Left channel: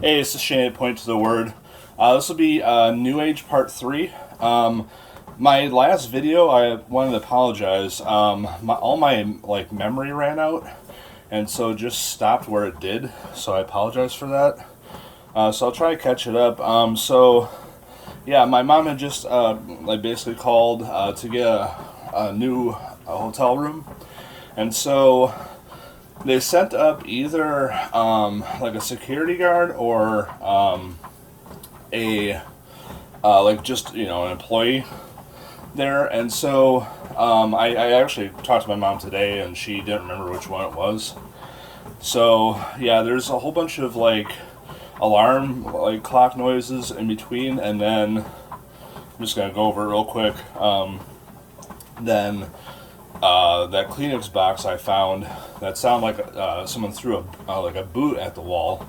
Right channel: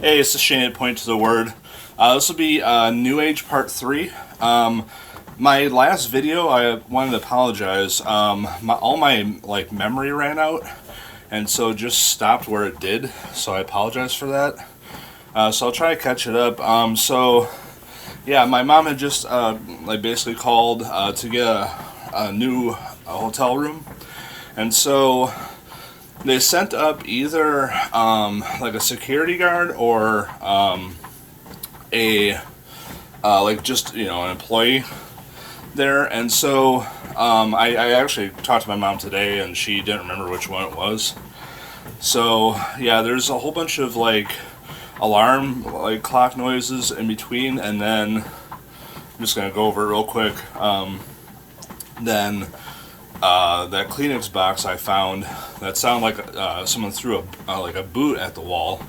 Hey, it's a shame to point to the word. This will be New Age Part 3. My last video, I wanted to apologize. All my memory ran out, and so it just stopped where it did. So I apologize for that. So I'll try to catch it up. Yeah, my mom had just basically called to get a new hotel room, and so they sent up either a security guard or a just an employee there. And so I actually talked to my mom today, and she didn't remember which one it was. So yeah, there's a whole bunch of alarm clock noises in between, and then I'm just gonna go over it real quick. Then that Kleenex box I found that sounded like someone threw a boot at the wall.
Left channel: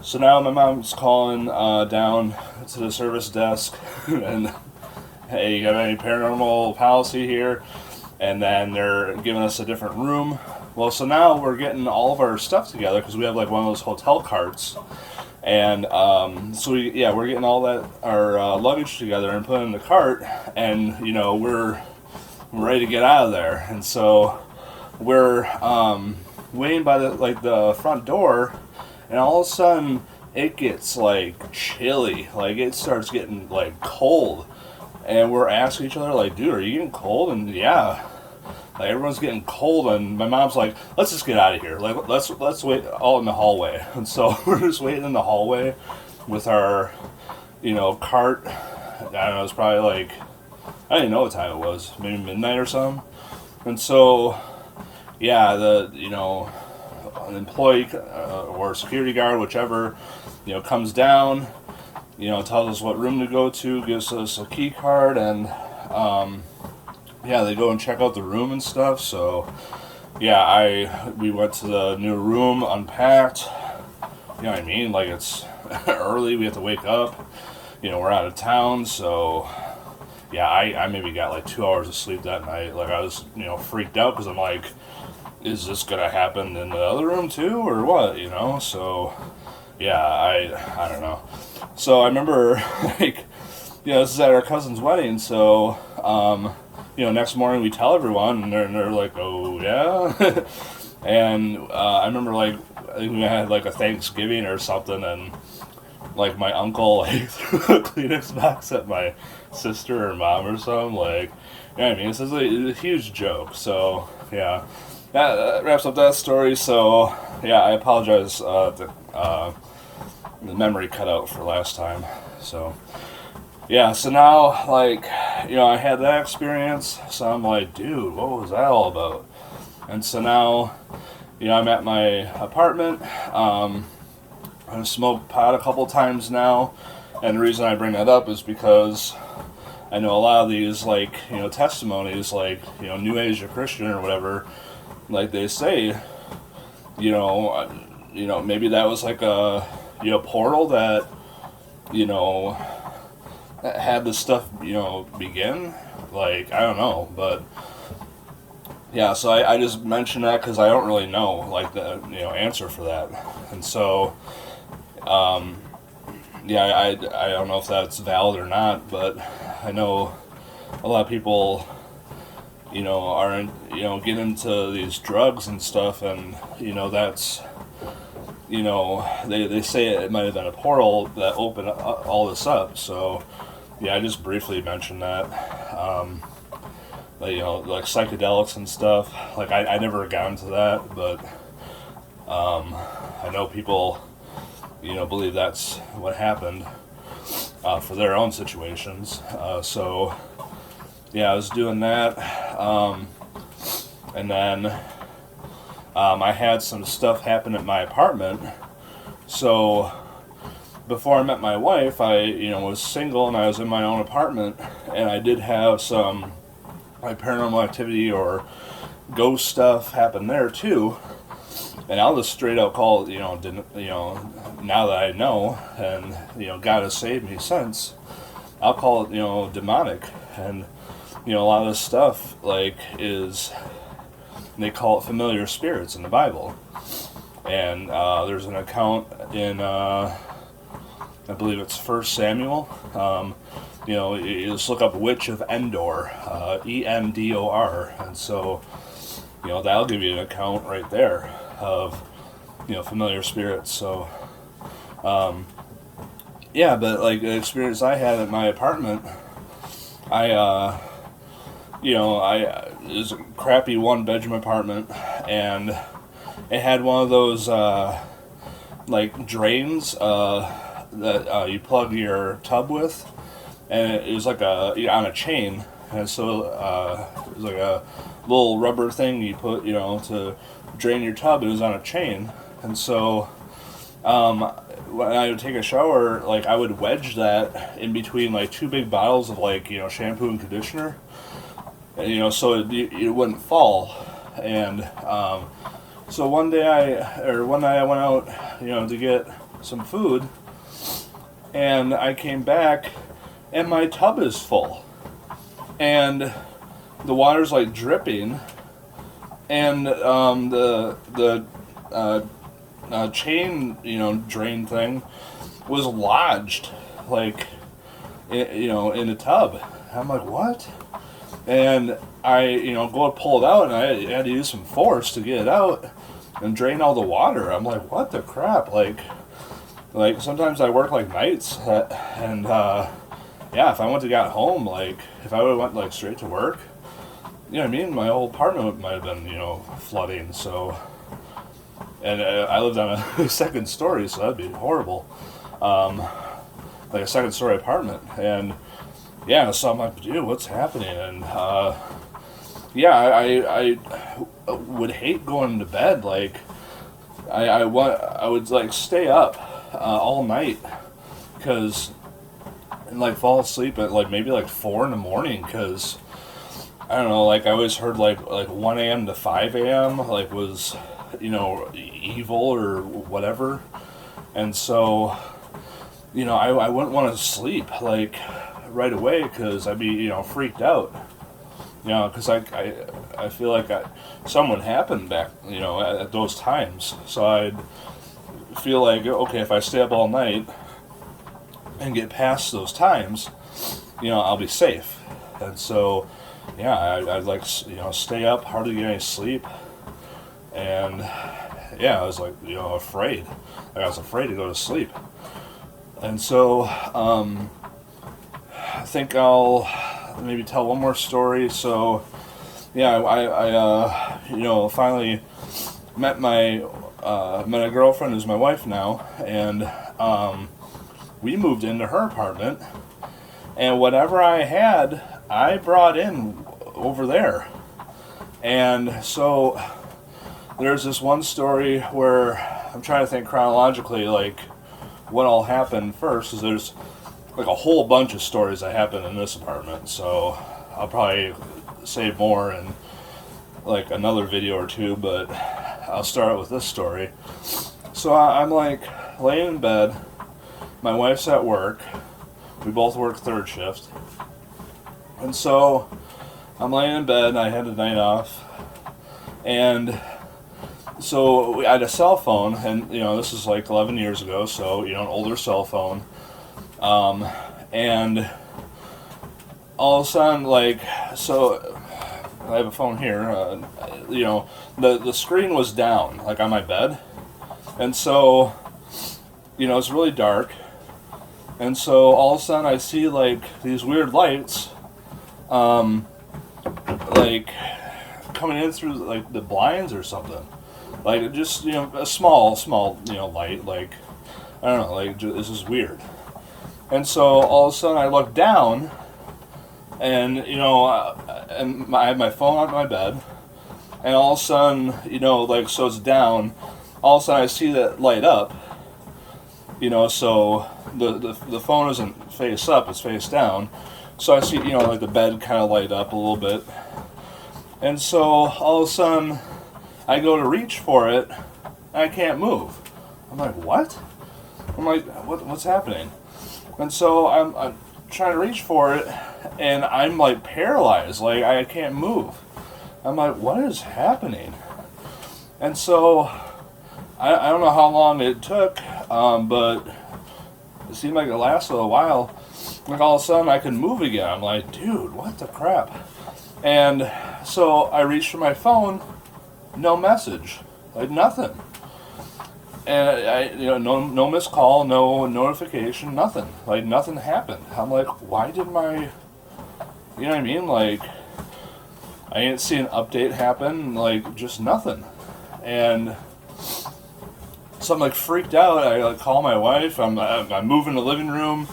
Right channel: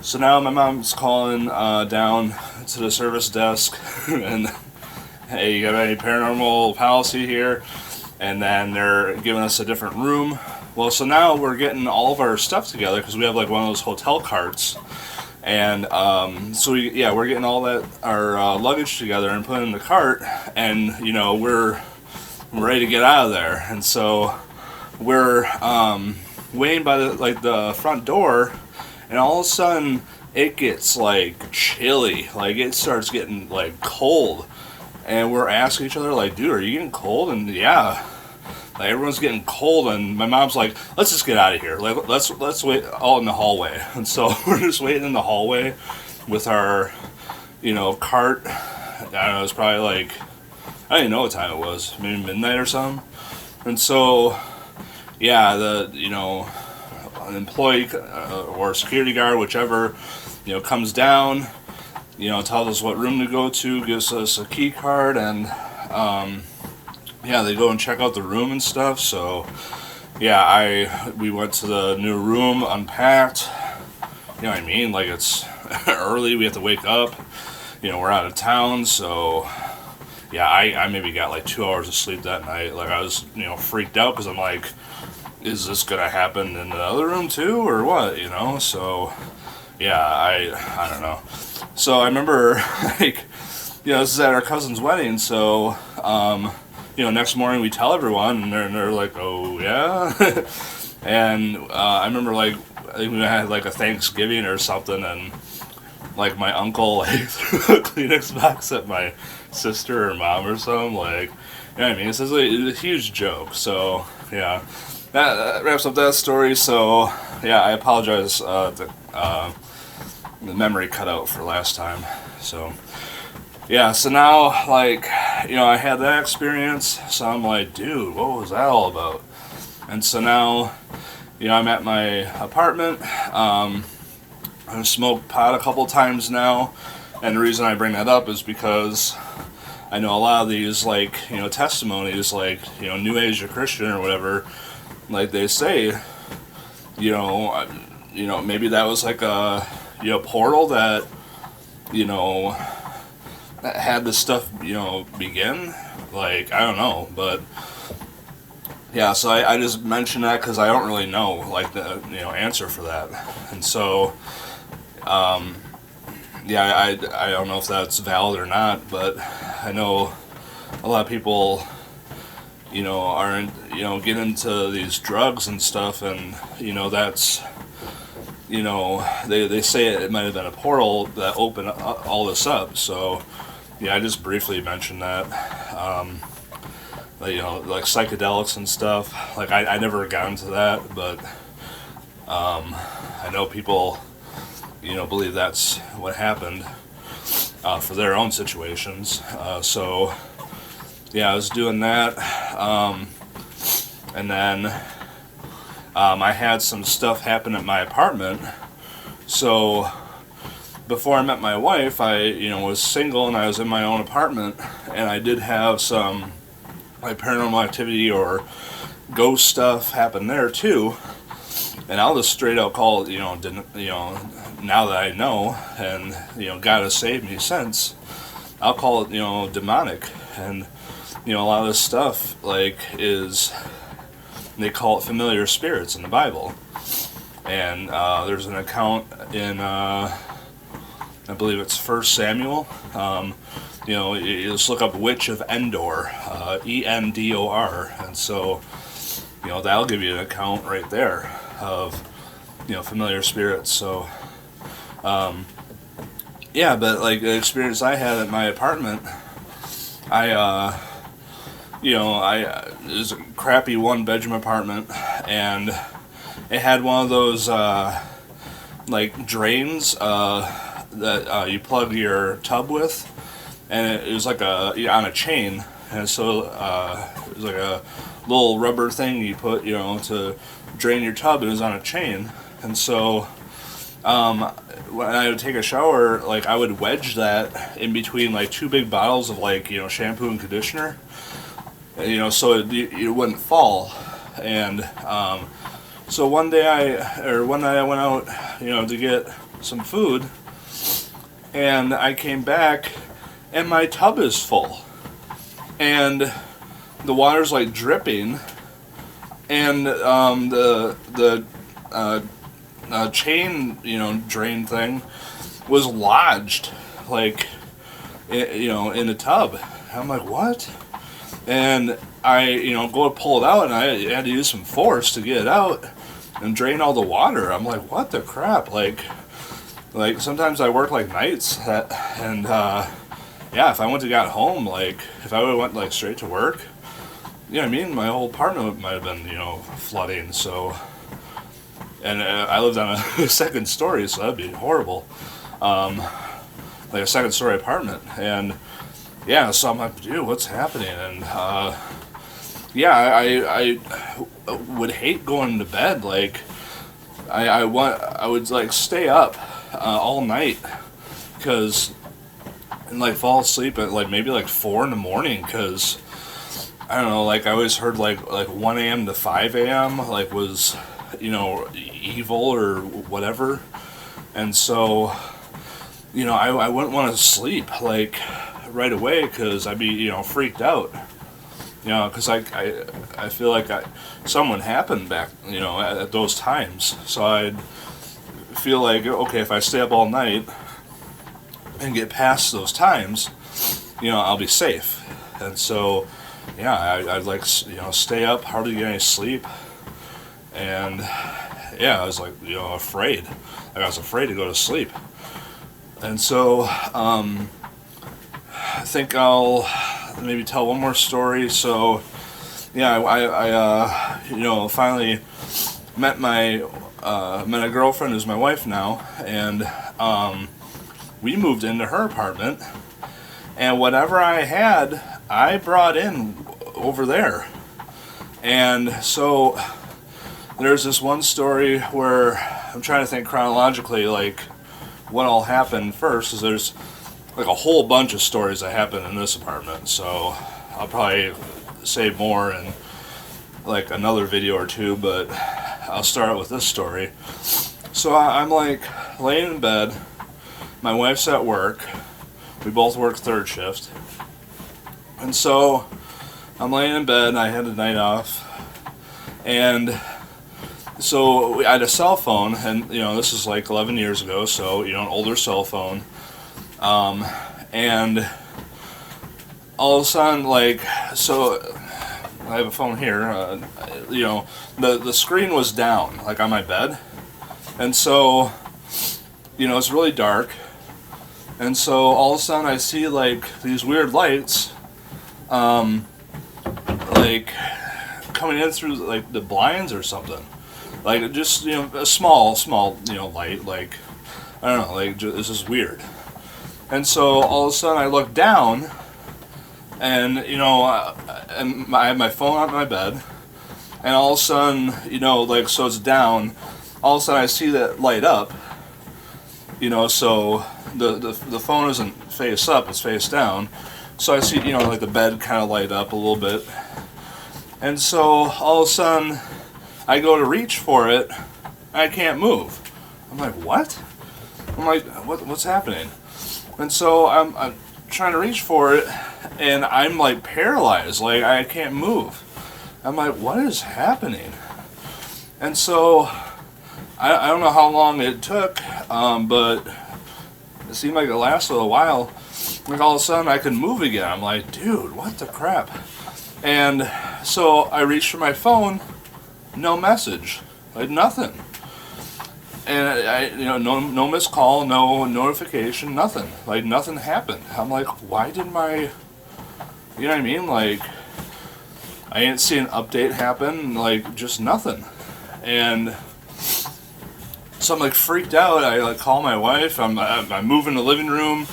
So now my mom's calling down to the service desk and, hey, you got any paranormal policy here? And then they're giving us a different room. Well, so now we're getting all of our stuff together because we have one of those hotel carts. And we're getting all that our luggage together and putting it in the cart, and we're ready to get out of there. And so we're waiting by the front door, and all of a sudden it gets chilly. It starts getting cold, and we're asking each other dude, are you getting cold? And yeah, everyone's getting cold, and my mom's like, let's just get out of here. Let's wait all in the hallway. And so we're just waiting in the hallway with our cart. I don't know, it was probably I didn't know what time it was, maybe midnight or something. And so yeah, an employee or security guard, whichever, comes down, tells us what room to go to, gives us a key card, and they go and check out the room and stuff. So yeah, we went to the new room, unpacked. You know what I mean? It's early, we have to wake up. We're out of town, so yeah, I maybe got 2 hours of sleep that night. I was freaked out because I'm like, is this gonna happen in the other room too, or what? So yeah, I don't know. So I remember this is at our cousin's wedding, so next morning we tell everyone, and they're like, oh yeah. And I remember I think we had a Thanksgiving or something, and my uncle threw a Kleenex box at my sister or mom or something. You know what I mean? It's a huge joke. So yeah, that wraps up that story. So yeah, I apologize. The memory cut out for last time. So yeah, so now I had that experience. So I'm like, dude, what was that all about? And so now I'm at my apartment. I've smoked pot a couple times now, and the reason I bring that up is because I know a lot of these testimonies, New Age or Christian or whatever, they say, maybe that was a portal that that had this stuff begin. I don't know, but yeah, so I just mentioned that because I don't really know the answer for that. And so I don't know if that's valid or not, but I know a lot of people are get into these drugs and stuff, and that's they say it might have been a portal that opened all this up. So yeah, I just briefly mentioned that. Psychedelics and stuff. I never got into that, but I know people believe that's what happened for their own situations. So yeah, I was doing that, and then I had some stuff happen at my apartment. So before I met my wife, I was single, and I was in my own apartment, and I did have some paranormal activity or ghost stuff happen there too. And I'll just straight out call it, now that I know, and God has saved me since, I'll call it demonic. And a lot of this stuff is, they call it familiar spirits in the Bible. And there's an account in I believe it's First Samuel. You just look up Witch of Endor, Endor, and so, that'll give you an account right there of, familiar spirits. So, yeah, but like the experience I had at my apartment, it was a crappy one-bedroom apartment, and it had one of those like drains that you plug your tub with, and it was like on a chain, and so it was like a little rubber thing you put to drain your tub. It was on a chain, and so when I would take a shower, like I would wedge that in between like two big bottles of like shampoo and conditioner, so it wouldn't fall. And so one night I went out, to get some food, and I came back, and my tub is full, and the water's like dripping, and the chain, drain thing was lodged, like, in a tub. I'm like, what? And I, go to pull it out, and I had to use some force to get it out and drain all the water. I'm like, what the crap? Like sometimes I work like nights, and yeah, if I went to got home, like if I would have went like straight to work, I mean, my whole apartment might have been flooding. So, and I lived on a second story, so that'd be horrible, like a second story apartment. And yeah, so I'm like, dude, what's happening? And yeah, I would hate going to bed. Like I would like stay up all night, and like fall asleep at like maybe like 4 in the morning, because I don't know, like I always heard like 1 a.m. to 5 a.m. like was evil or whatever. And so I wouldn't want to sleep like right away, because I'd be freaked out, because I feel like something happened back at those times. So I'd feel like, okay, if I stay up all night and get past those times, I'll be safe. And so yeah, I'd like stay up, hardly get any sleep, and yeah, I was like afraid. Like I was afraid to go to sleep. And so I think I'll maybe tell one more story. So yeah, I finally met a girlfriend who's my wife now, and we moved into her apartment, and whatever I had, I brought in over there. And so there's this one story where I'm trying to think chronologically, like what all happened first, because there's like a whole bunch of stories that happened in this apartment. So I'll probably say more in like another video or two, but I'll start out with this story. So I'm like laying in bed, my wife's at work, we both work third shift, and so I'm laying in bed, I had a night off, and so I had a cell phone, and this is like 11 years ago, so an older cell phone, and all of a sudden, like, so I have a phone here, the screen was down, like on my bed, and so it's really dark, and so all of a sudden I see like these weird lights, like coming in through like the blinds or something, like just a small light, like I don't know, like this is weird. And so all of a sudden I look down, and and I have my phone on my bed, and all of a sudden like, so it's down, all of a sudden I see that light up, so the phone isn't face up, it's face down. So I see, like the bed kind of light up a little bit. And so all of a sudden I go to reach for it, and I can't move. I'm like, what? I'm like, what's happening? And so I'm trying to reach for it, and I'm like paralyzed, like I can't move. I'm like, what is happening? And so I don't know how long it took, but it seemed like it lasted a while. Like all of a sudden I could move again. I'm like, dude, what the crap? And so I reached for my phone, no message, like nothing. And no missed call, no notification, nothing. Like nothing happened. I'm like, why did my, you know what I mean? Like, I didn't see an update happen, like just nothing. And so I'm like freaked out. I like call my wife. I'm moving the living room,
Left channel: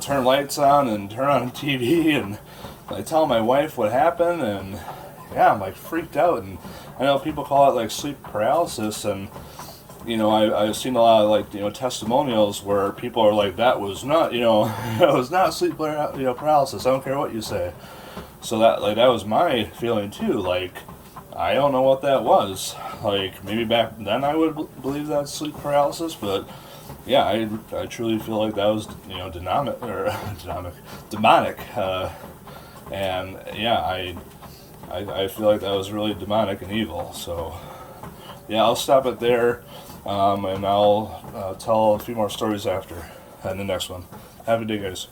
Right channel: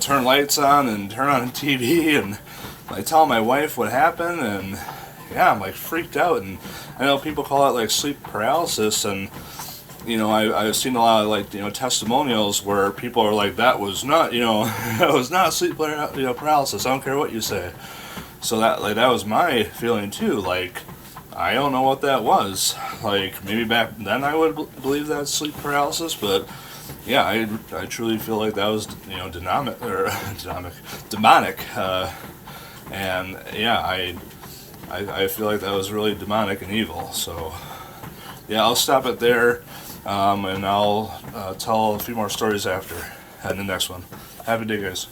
turn lights on and turn on the TV, and I tell my wife what happened, and yeah, I'm like freaked out. And I know people call it like sleep paralysis, and I've seen a lot of like testimonials where people are like, that was not that was not sleep paralysis. I don't care what you say. So that was my feeling too. Like, I don't know what that was. Like, maybe back then I would believe that's sleep paralysis, but yeah, I truly feel like that was demonic. And yeah, I feel like that was really demonic and evil. So yeah, I'll stop it there, and I'll tell a few more stories after in the next one. Have a good day, guys.